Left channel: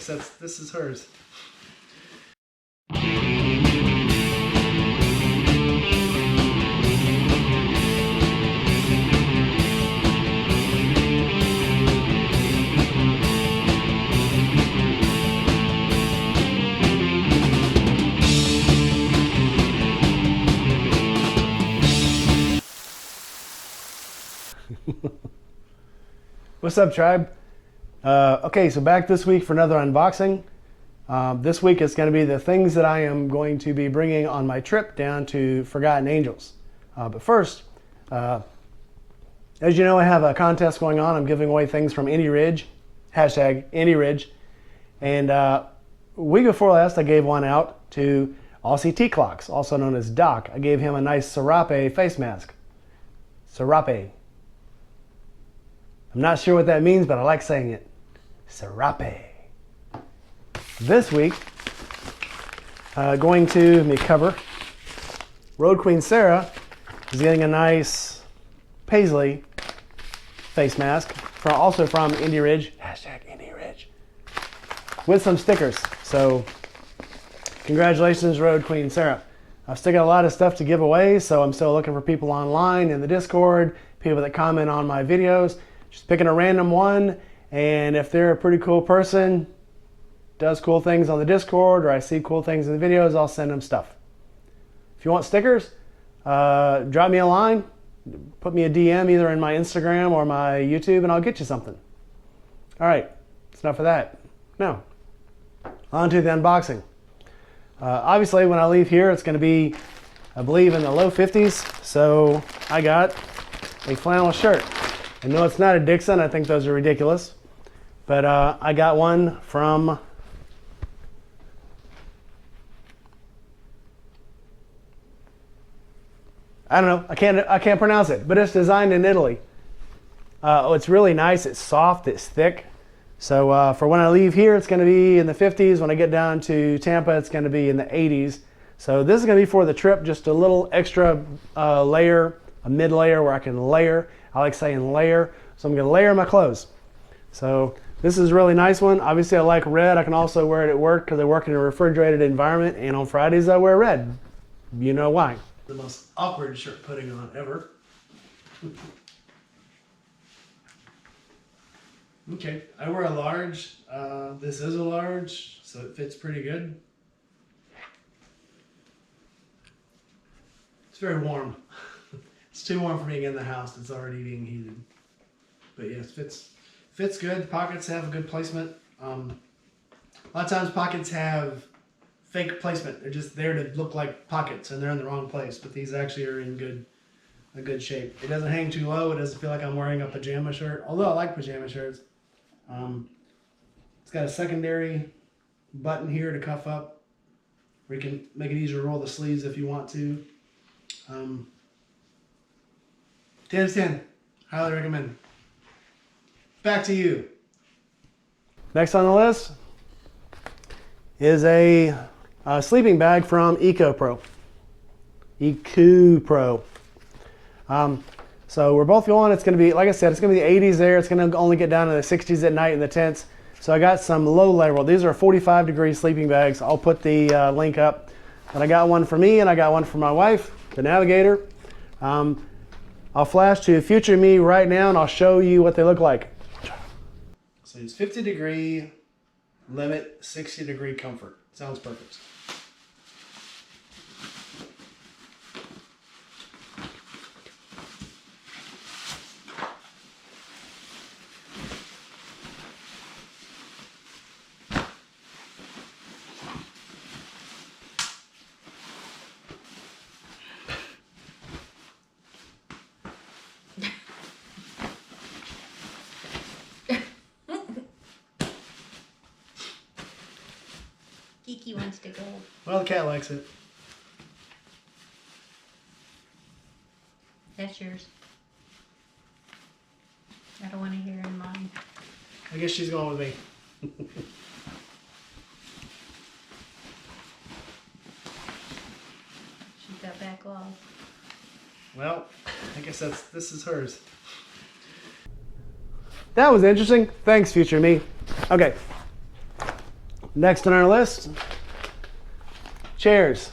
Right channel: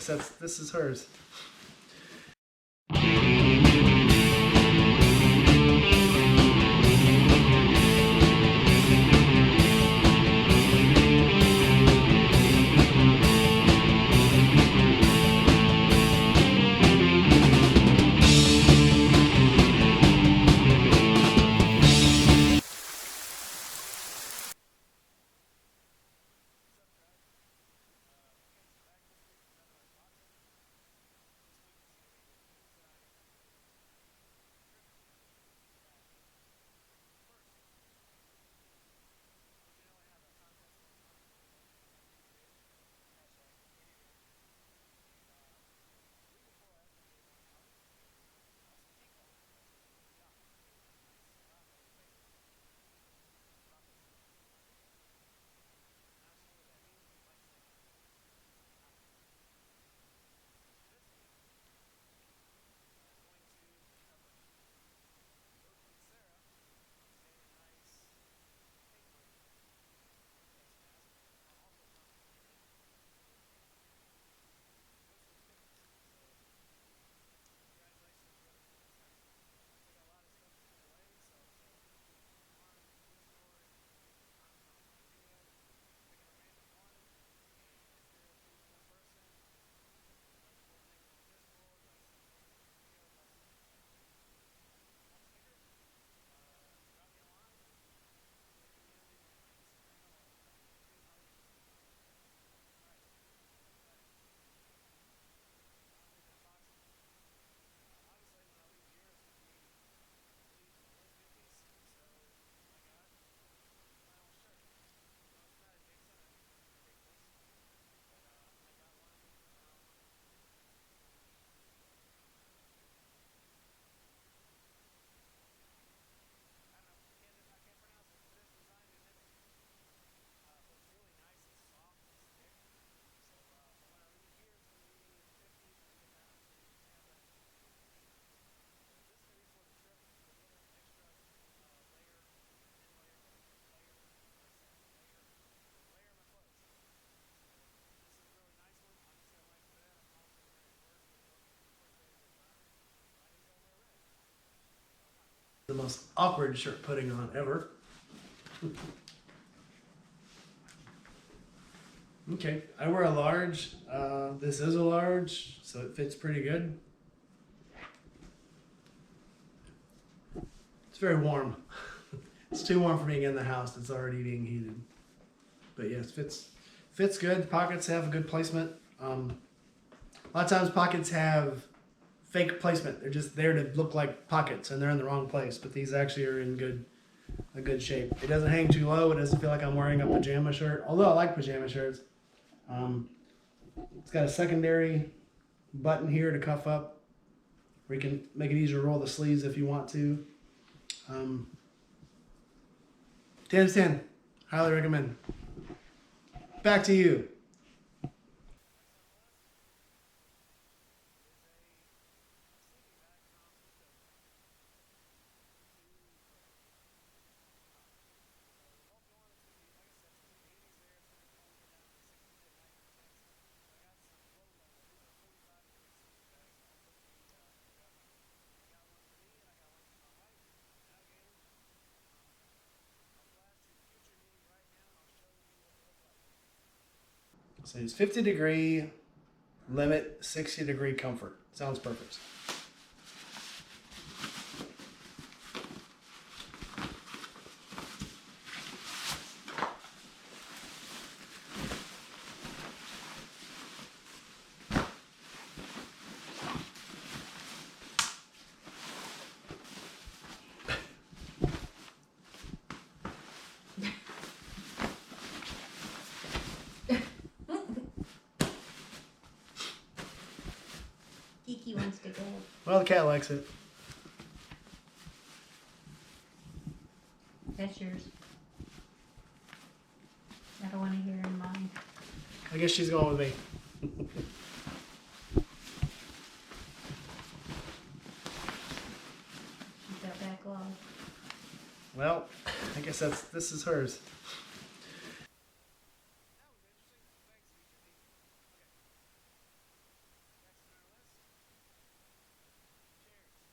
guess this is hers. What's up, tribe? Okay, so back this week for another unboxing. This week it's going to be the things that I am going to be bringing on my trip down to Forgotten Angels. But first, as you know, I have a contest going on. I'm giving away things from Indy Ridge, hashtag Indy Ridge. And a week before last, I gave one out to Aussie Tea Clocks, also known as Doc. I gave him a nice Serape face mask. Serape. I'm not sure what that means, but I like saying it. Serape. This week, going to, let me cover, Road Queen Sarah is getting a nice Paisley face mask, also from Indy Ridge, hashtag Indy Ridge, with some stickers. So, congratulations, Road Queen Sarah. I've still got a lot of stuff to give away, so I'm still looking for people online in the Discord, people that comment on my videos. Just picking a random one, and if they're a pretty cool person, does cool things on the Discord, or I see cool things in the videos, I'll send them stuff. If you want stickers, drop me a line, put me a DM either in my Instagram or my YouTube, and I'll get you something. All right, that's enough of that. Now, on to the unboxing. Obviously, when I leave here, it's going to be, I believe, in the low 50s, so I got a flannel shirt. I know it's not a Dixxon, I think those are ridiculous. But I got one from I don't know, I can't pronounce it, but it's designed in Italy. It's really nice, it's soft, it's thick. So for when I leave here, it's gonna be in the 50s. When I get down to Tampa, it's gonna be in the 80s. So this is gonna be for the trip, just a little extra layer, a mid layer where I can layer. I like saying layer, so I'm going to layer my clothes. So this is a really nice one. Obviously I like red. I can also wear it at work because I work in a refrigerated environment, and on Fridays I wear red. You know why. The most awkward shirt putting on ever. Okay, I wear a large. This is a large, so it fits pretty good. It's very warm. It's too warm for me to get in the house. It's already being heated. But yes, fits good. The pockets have a good placement. A lot of times pockets have fake placement. They're just there to look like pockets, and they're in the wrong place. But these actually are in a good shape. It doesn't hang too low. It doesn't feel like I'm wearing a pajama shirt. Although I like pajama shirts. It's got a secondary button here to cuff up, where you can make it easier to roll the sleeves if you want to. 10 out of 10. Highly recommend. Back to you. Next on the list is a sleeping bag from EcoPro. EcoPro. So we're both going, it's going to be, like I said, it's going to be the 80s there. It's going to only get down to the 60s at night in the tents. So I got some low level. These are 45-degree sleeping bags. I'll put the link up. But I got one for me, and I got one for my wife, the Navigator. I'll flash to future me right now, and I'll show you what they look like. So it's 50-degree limit, 60-degree comfort. Sounds perfect. Kiki wants to go. Well, the cat likes it. That's yours. I don't want to hear in mine. I guess she's going with me. She got back off. Well, I guess this is hers. That was interesting. Thanks, future me. Okay. Next on our list, chairs.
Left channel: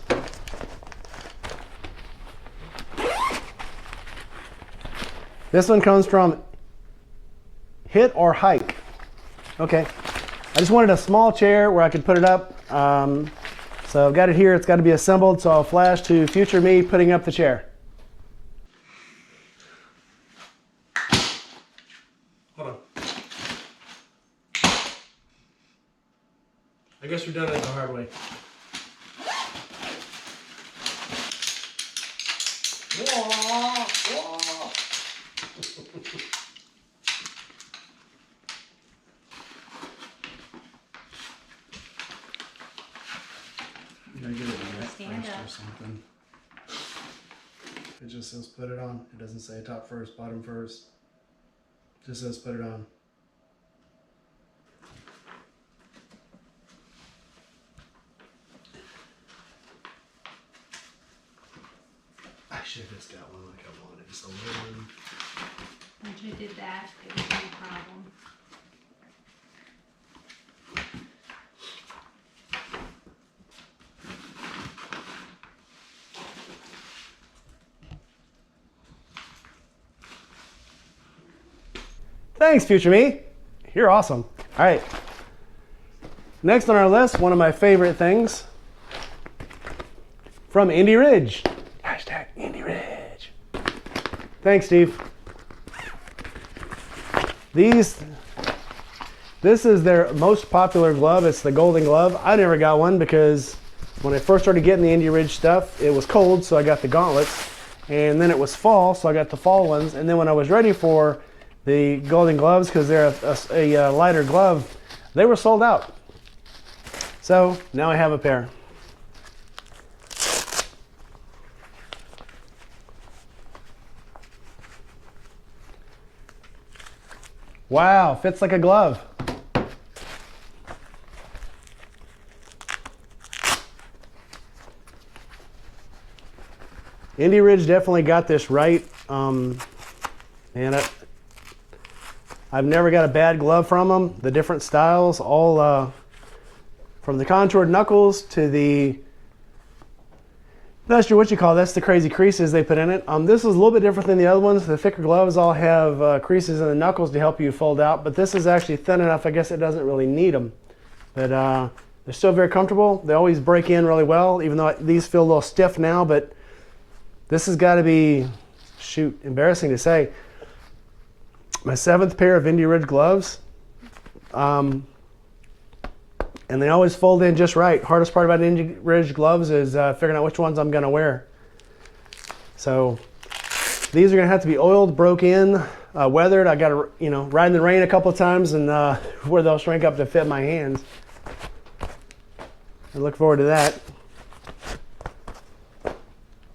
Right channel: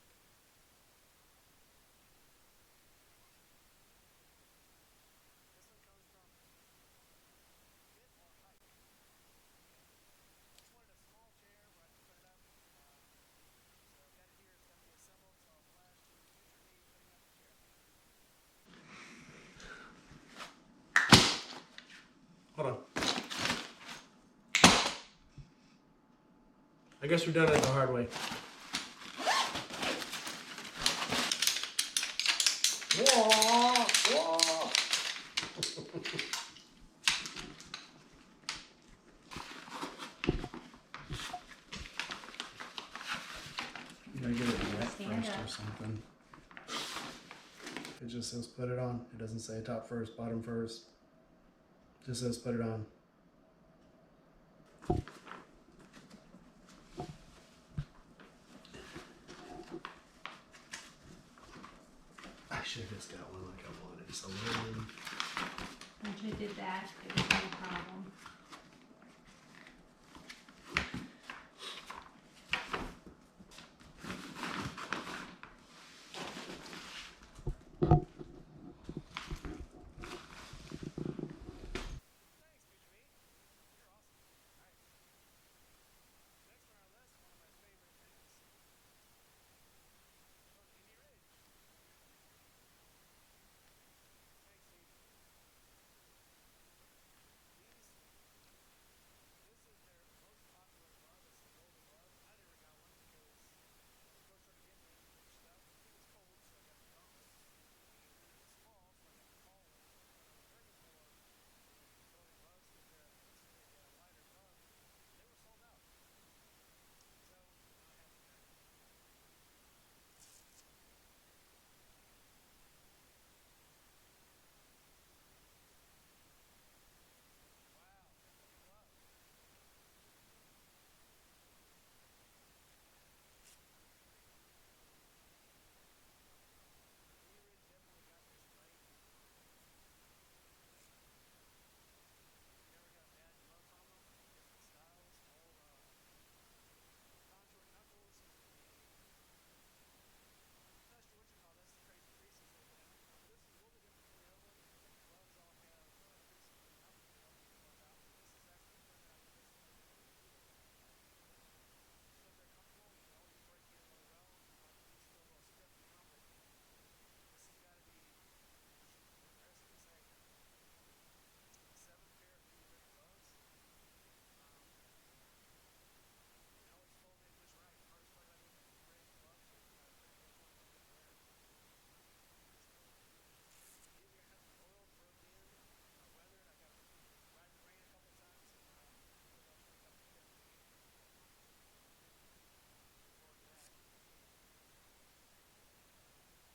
This one comes from Hit or Hike. Okay, I just wanted a small chair where I could put it up. So I've got it here, it's got to be assembled, so I'll flash to future me putting up the chair. Hold on. I guess we're done it the hard way. Whoa, whoa. You gotta get it wet Stand first up. or something. It just says put it on. It doesn't say top first, bottom first. It just says put it on. I should have just got one like I wanted. So Once you did that, it was no problem. thanks, future me. You're awesome. All right. Next on our list, one of my favorite things from Indy Ridge. Hashtag Indy Ridge. Thanks, Steve. This is their most popular glove. It's the Golden Glove. I never got one because when I first started getting the Indy Ridge stuff, it was cold, so I got the gauntlets. And then it was fall, so I got the fall ones. And then when I was ready for the Golden Gloves, because they're a lighter glove, they were sold out. So now I have a pair. Wow, fits like a glove. Indy Ridge definitely got this right. And I've never got a bad glove from them. The different styles, all from the contoured knuckles to the, not sure what you call it, that's the crazy creases they put in it. This is a little bit different than the other ones. The thicker gloves all have creases in the knuckles to help you fold out, but this is actually thin enough, I guess it doesn't really need them. But they're still very comfortable. They always break in really well, even though these feel a little stiff now, but this has got to be, shoot, embarrassing to say, my 7th pair of Indy Ridge gloves. And they always fold in just right. Hardest part about Indy Ridge gloves is figuring out which ones I'm gonna wear. So these are gonna have to be oiled, broke in, weathered. I gotta, ride in the rain a couple of times and where they'll shrink up to fit my hands. I look forward to that.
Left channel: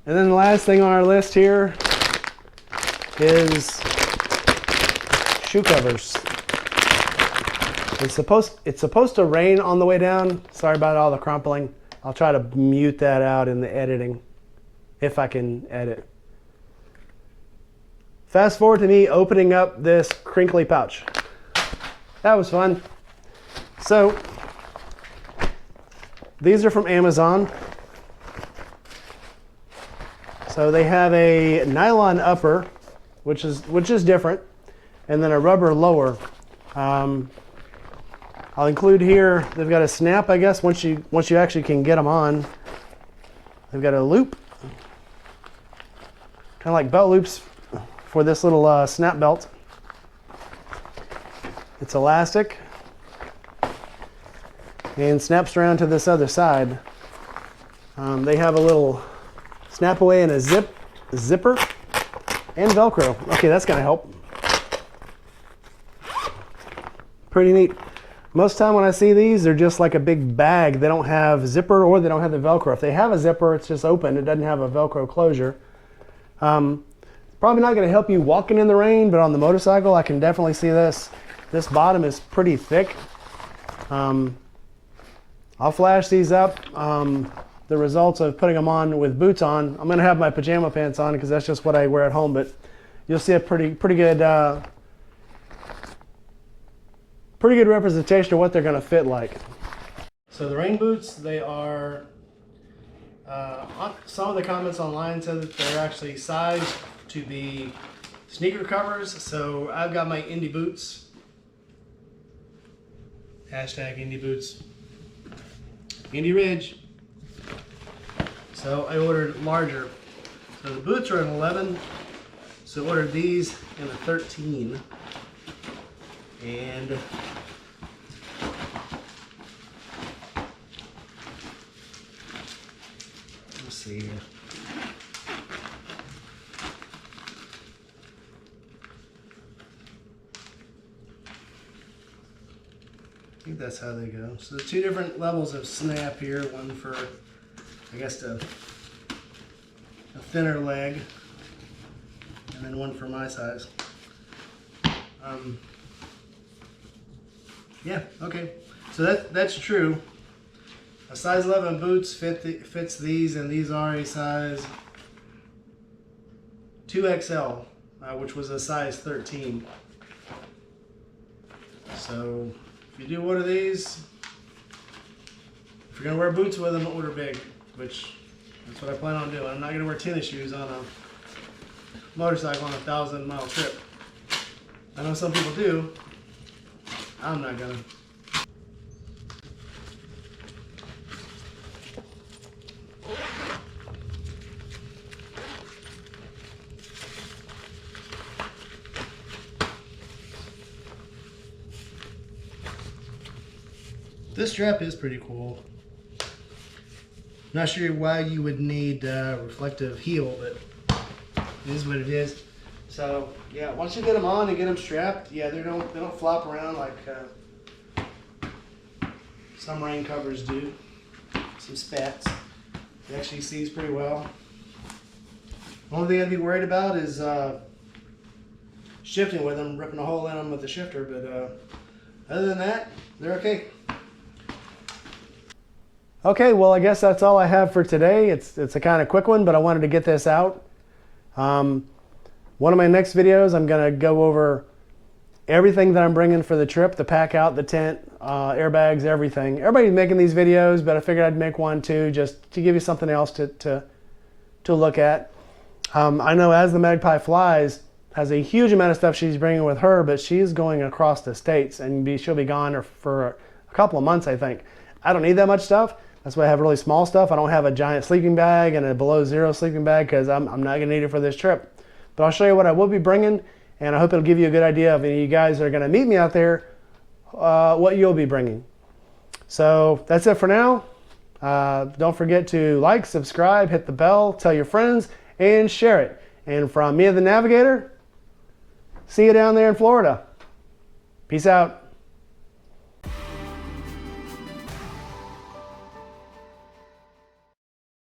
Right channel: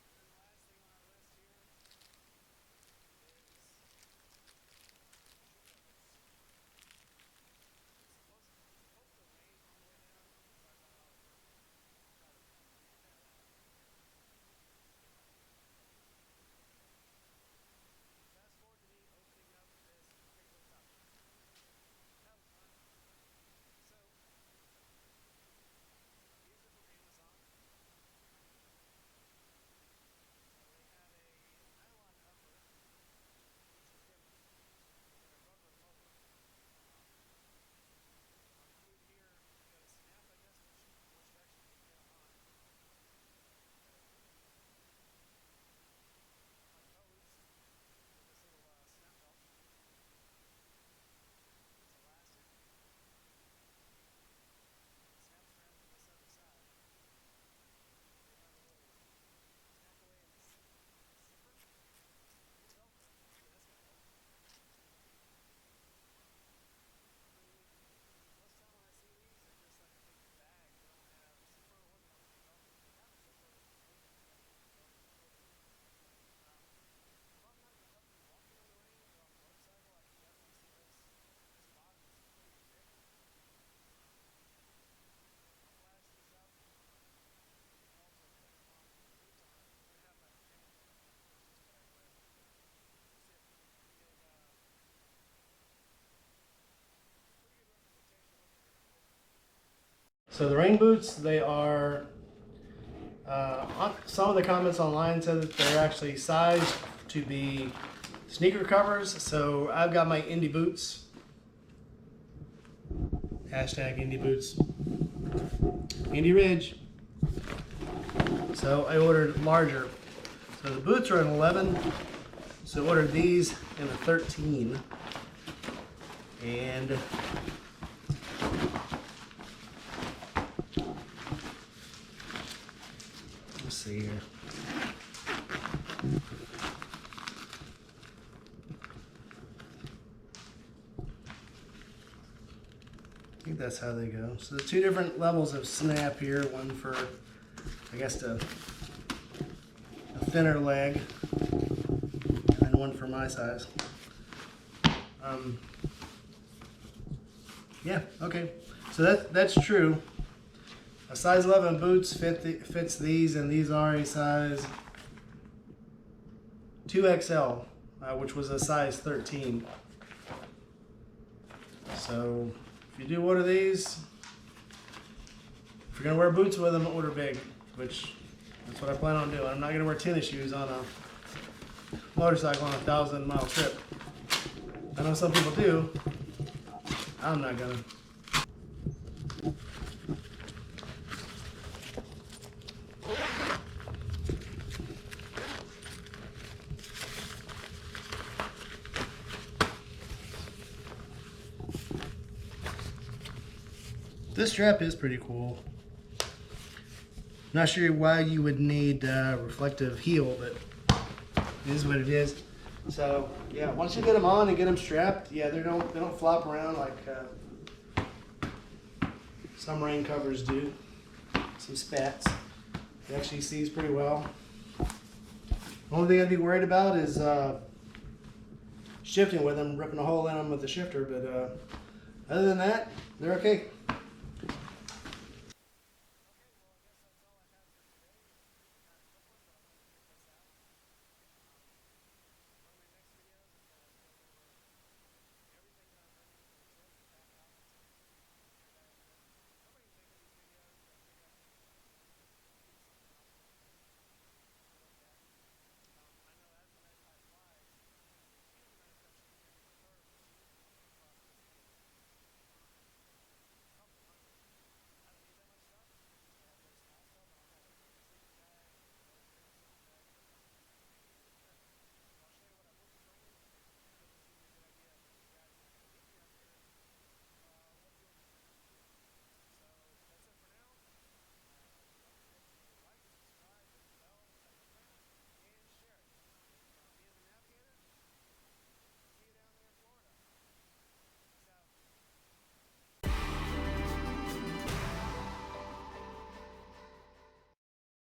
And then the last thing on our list here is shoe covers. It's supposed to rain on the way down. Sorry about all the crumpling. I'll try to mute that out in the editing, if I can edit. Fast forward to me opening up this crinkly pouch. That was fun. So, these are from Amazon. So they have a nylon upper, which is different, and then a rubber lower. I'll include here, they've got a snap, I guess, once you actually can get them on. They've got a loop, kind of like belt loops for this little snap belt. It's elastic and snaps around to this other side. They have a little snap away and a zipper and Velcro. Okay, that's gonna help. Pretty neat. Most of the time when I see these, they're just like a big bag. They don't have zipper or they don't have the Velcro. If they have a zipper, it's just open. It doesn't have a Velcro closure. Probably not going to help you walking in the rain, but on the motorcycle, I can definitely see this. This bottom is pretty thick. I'll flash these up. The results of putting them on with boots on. I'm going to have my pajama pants on because that's just what I wear at home, but you'll see a pretty good representation of what they're going to fit like. So the rain boots, they are, some of the comments online said that they're actually sized to be sneaker covers. So I've got my Indie boots. Hashtag Indie boots. Indie Ridge. So I ordered larger. So the boots are an 11. So I ordered these in a 13. And let's see here. I think that's how they go. So the two different levels of snap here. One for, I guess, a thinner leg, and then one for my size. Yeah, okay. So that's true. A size 11 boots fits these, and these are a size 2XL, which was a size 13. So if you do order these, if you're gonna wear boots with them, order big, which that's what I plan on doing. I'm not gonna wear tennis shoes on a motorcycle on a 1,000-mile trip. I know some people do. I'm not gonna. This strap is pretty cool. Not sure why you would need reflective heel, but it is what it is. So yeah, once you get them on and get them strapped, yeah, they don't flop around like some rain covers do. Some spats. It actually sees pretty well. Only thing I'd be worried about is shifting with them, ripping a hole in them with the shifter. But other than that, they're okay. Okay, well, I guess that's all I have for today. It's a kind of quick one, but I wanted to get this out. One of my next videos, I'm going to go over everything that I'm bringing for the trip, the pack out, the tent, airbags, everything. Everybody's making these videos, but I figured I'd make one too, just to give you something else to look at. I know As the Magpie Flies has a huge amount of stuff she's bringing with her, but she's going across the states, and she'll be gone for a couple of months, I think. I don't need that much stuff. That's why I have really small stuff. I don't have a giant sleeping bag and a below zero sleeping bag because I'm not going to need it for this trip. But I'll show you what I will be bringing, and I hope it'll give you a good idea of any of you guys that are going to meet me out there, what you'll be bringing. So that's it for now. Don't forget to like, subscribe, hit the bell, tell your friends, and share it. And from me, the Navigator, see you down there in Florida. Peace out.